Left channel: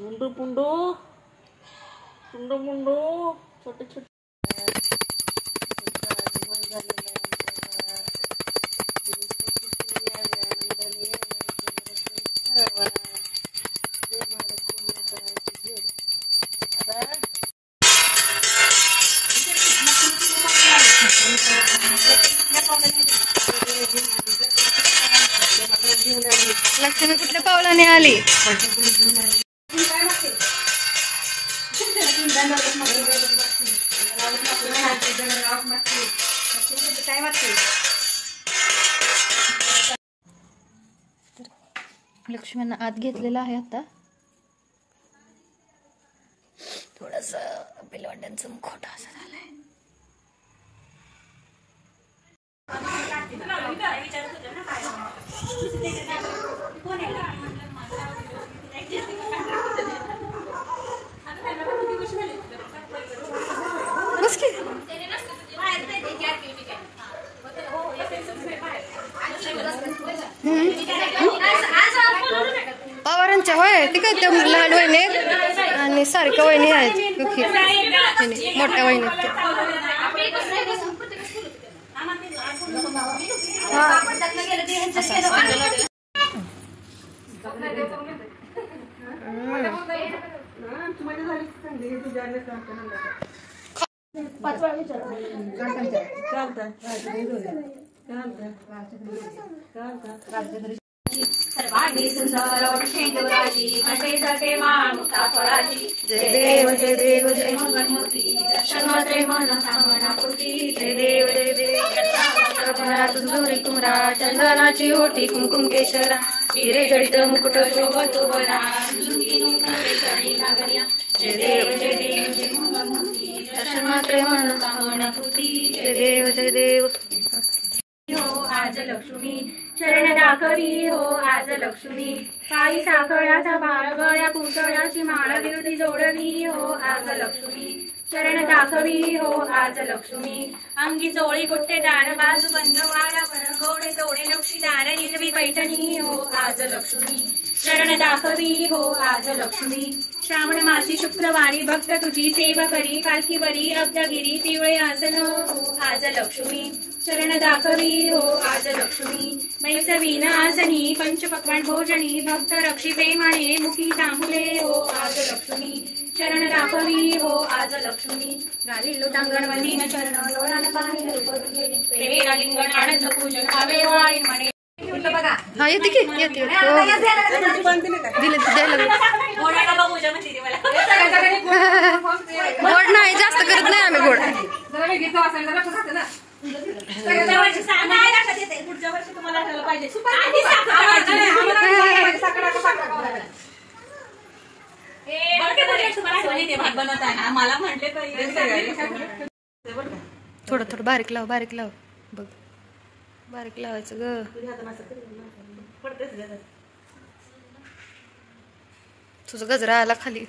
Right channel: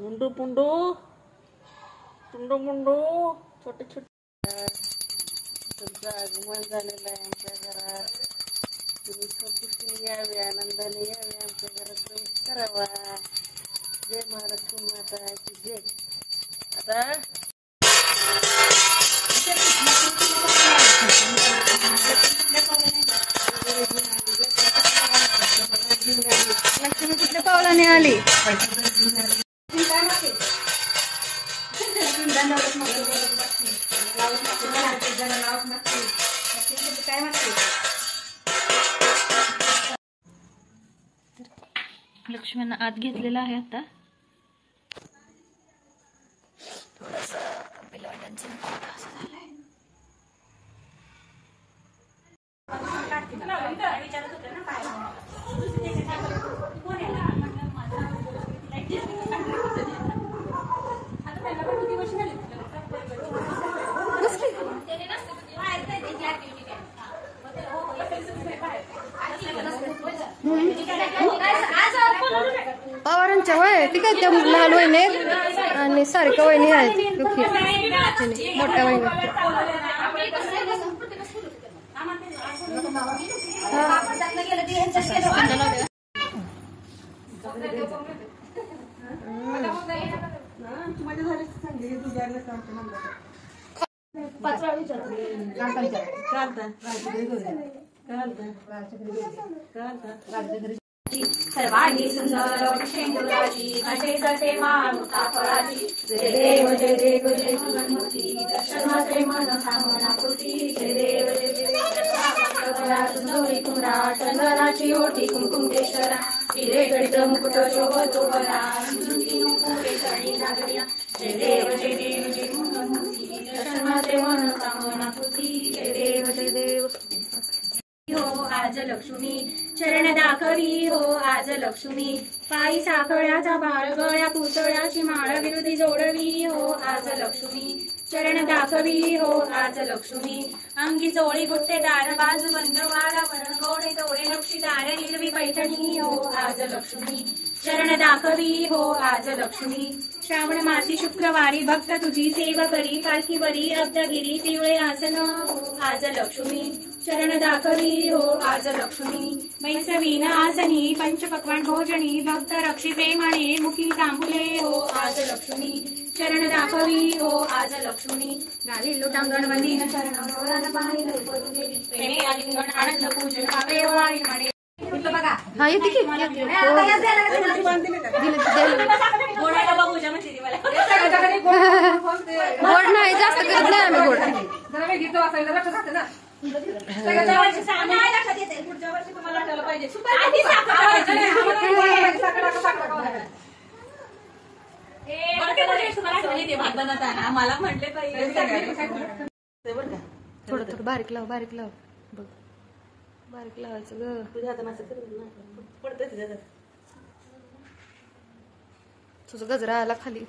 मुंडू पुंडू पुंडू मुंडू छोटे छोटे आगमन झालेलं आहे आमच्या घरात. तुम्ही छोटीशी यावे, आनंदाने यावे, आमच्या घरात प्रवेश करावा. जय महालक्ष्मी माताची जय. आता लक्ष्मी कुठल्या पावलाने आली? लक्ष्मींना आत घेतलेला आहे. आता थोडंसं बिलवंड्यांचं मुखवटा असं झालंय. पवारांच्या होय ती काय त्या लहान वहिनी आणि सारख्या वहिनी आहेत मोठ्या वहिनी. सर्वांनी सुंदर शेंगुराची घाटे जाते मानुता फळाची. जय देव जय देव जय मंगलमूर्ती दर्शन मात्रे मन कामना पूर्ती. जय देव जय देव. सुंदरी कुमरा चंदनाची ओटी कुमकुम केशरा हिरे जडित मुकुट शोभतो बरा. जय देव जय देव जय मंगलमूर्ती दर्शन मात्रे मन कामना पूर्ती. जय देव जय देव. हो आज लक्ष्मी चरण दाखवी हो आज लक्ष्मी. काही साखळ्याचा बाळ गळ्या पुतळ्याची माळ विरुधी जोडवी हो आज लक्ष्मी. चरण दाखवी हो आज लक्ष्मी. अंगी चोळी गुट्टेदार बाजू बंद वाडावर गोडे तोडे लक्षीदार हिरवी पैठणी हो आज लक्ष्मी. चरण दाखवी हो आज लक्ष्मी. श्रावण मासी शुक्रवारी भक्त तुझी सेव करी. पालखीवरी अब्दगिरी पिवळे आसन हो आज लक्ष्मी. चरण दाखवी हो आज लक्ष्मी. मैसवीन आसनी पंचपक्वान भोजनी भक्त रक्षी प्रेमाने मुखी तांबुले हो आज लक्ष्मी. चरण दाखवी हो आज लक्ष्मी. गावी लोटांगण वंदीन चरण लोरान पाहिजे आलिंगन आनंद पूजन खावे वाळी म्हणे. हा येते की येते. दिले गोड नाही जास्त करत नाही आम्ही गोड. पुढच्या वर्षी तुम्हाला आठवलं पाहिजे. मला म्हटले थोडं थोडं बारीक लाव बारीक लाव बघ. बारीक लावायचं ग. तुझं गजरा आला खाली.